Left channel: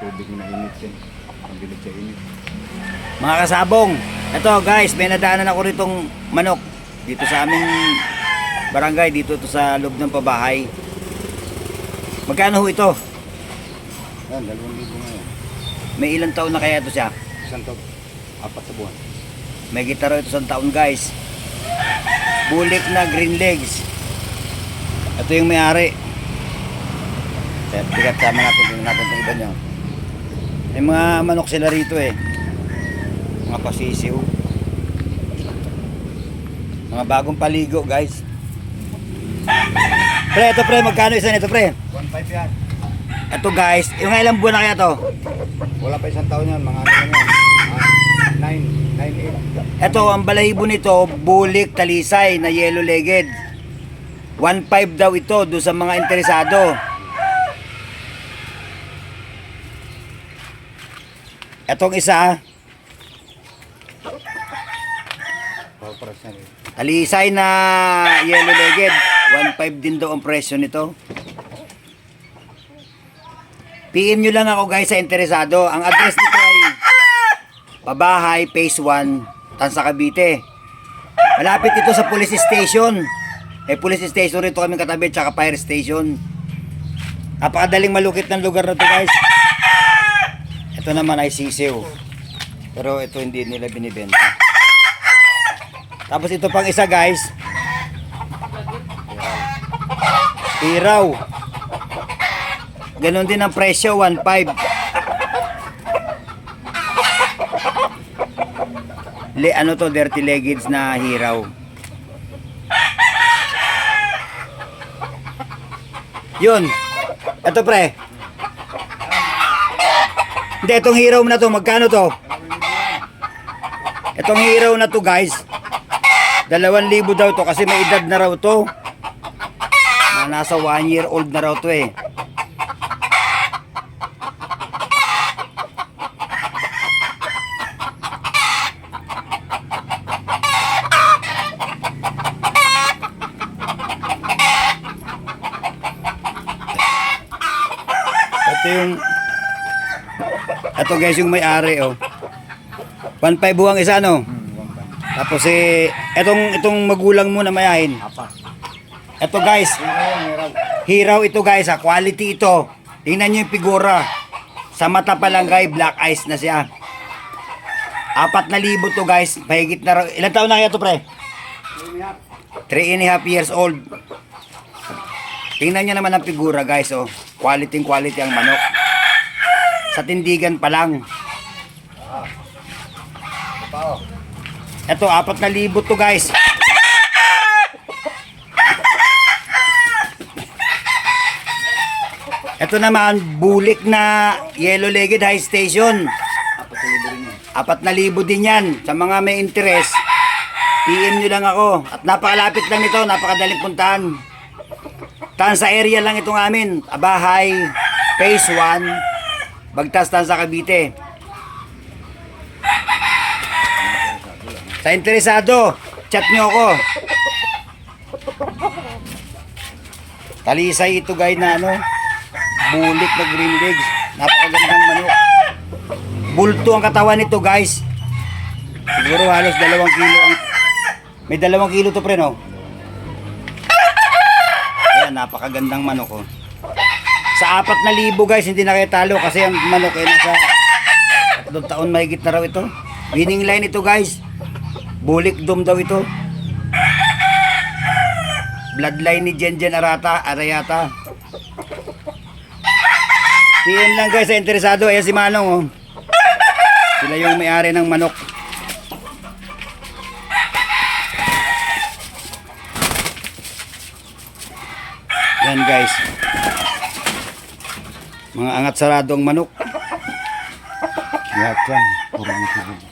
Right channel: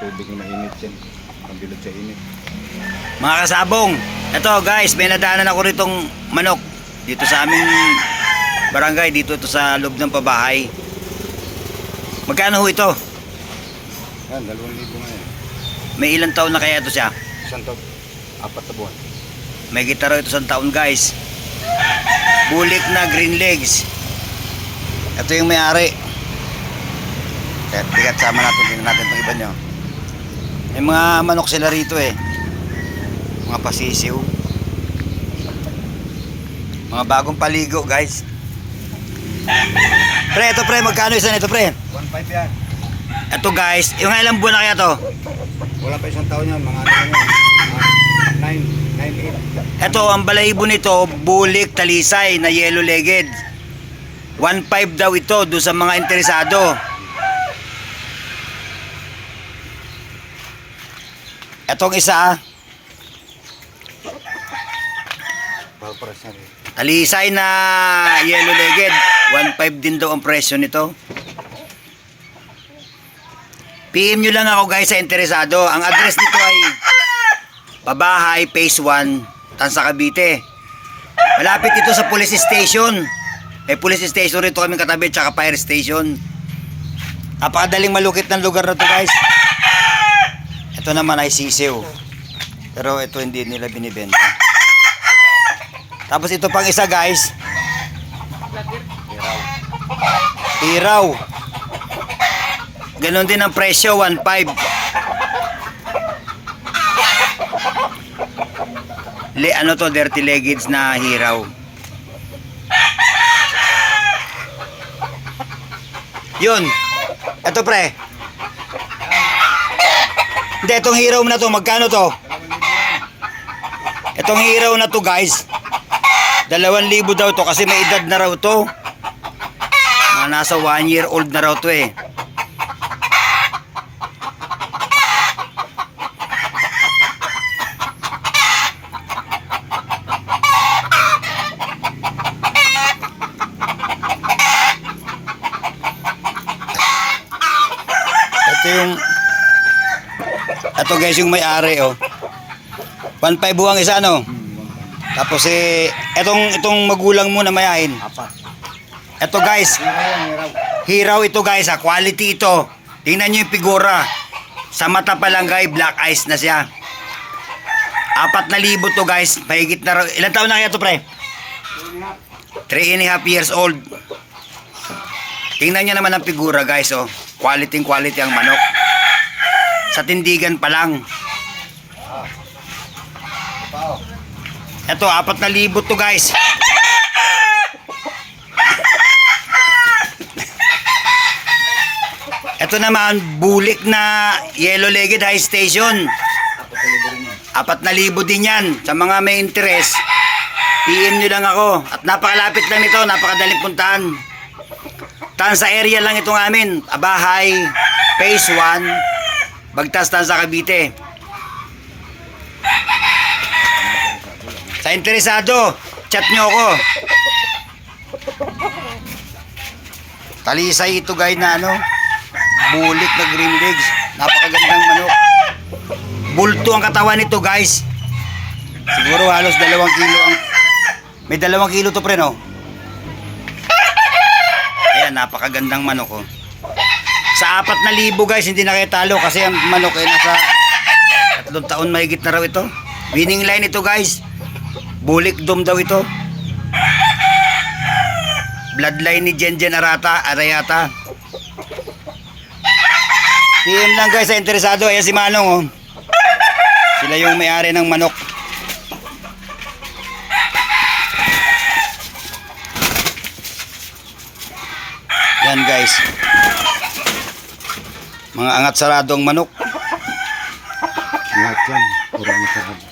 tubig na init yan. Pagbilog sa init. Mga kasabong, eto guys, may nadaanan ako ritong manok dito sa aming barangay, dito to sa loob ng pabahay. Magkano ho ito? Yan, 2,000 nga yan. May ilang taon na kaya ito siya? Isang taon, 4 na buwan. May gitara ito sa taon guys. Bulik na green legs. Ito yung may-ari. Tigat sama natin, tingnan natin itong iba nyo. May mga manok sila rito eh. Mga pasisiw. Mga bagong paligo guys. Pre, ito pre, magkano isa nito pre? 1,500 yan. Ito guys, yung ilang buwan na kaya to? Wala pa isang taon yan, mga ano yan. 9, 8. Ito, ang balahibo nito, bulik talisay na yellow legged. 1,500 daw ito doon sa mga interesado. Etong isa, Paparas na rin. talisay na yellow legged. 1,500 din daw ang presyo nito. PM nyo lang ako guys sa interesado. Ang address nito ay Pabahay, Phase 1, Tansa, Cavite. Malapit ito sa police station. Police station rito kami katabi, tsaka fire station. Napakadaling malukit ng lugar na to guys. Ito naman ay sisiw. Pero ito hindi nila binibenta. Tapos ito pang isa guys. Iraw. Ganon din ang presyo, 1,500. Ano to, dirty leggeds na hiraw. Yun. Ito pre. Hindi, itong hiraw na to, magkano to? Itong hiraw na to guys, 2,000 daw to kasi may edad na raw to. Nasa 1 year old na raw to eh. Ito guys yung may-ari oh. 1,500 buwang isa no. Tapos itong magulang mo na mayahin. Ito guys. Hiraw ito guys ha. Quality ito. Tingnan nyo yung figura. Sa mata pa lang guys, black eyes na siya. 4,000 to guys. Mahigit na raw. Ilan taon na kaya to pre? 3.5 years old. Tingnan nyo naman ang figura guys oh. Quality ang manok. Sa tindigan pa lang. Ito 4,000 to guys. Ito naman bulik na yellow legged high station. 4,000 din yan. Sa mga may interest, PM nyo lang ako. At napakalapit lang nito, napakadaling puntahan. Tansa area lang itong amin. Pabahay, Phase 1, Bagtas, Tansa, Cavite. Sa interesado, chat nyo ako. Talisay ito guys na ano, bulik na green legs. Napakagandang manok. Bulto ang katawan nito guys. Siguro halos 2 kilo ang... May 2 kilo to pre no? Ayan, napakagandang manok oh. Sa 4,000 guys, hindi na kayo talo kasi ang manok ay nasa 3 taon mahigit na raw ito. Winning line ito guys. Bulik dom daw ito. Bloodline ni Jenjen Arayata. PM lang guys sa interesado. Ayan si Manong oh. Sila yung may-ari ng manok. Yan guys. Mga angat saradong manok. Lahat yan, puro ito.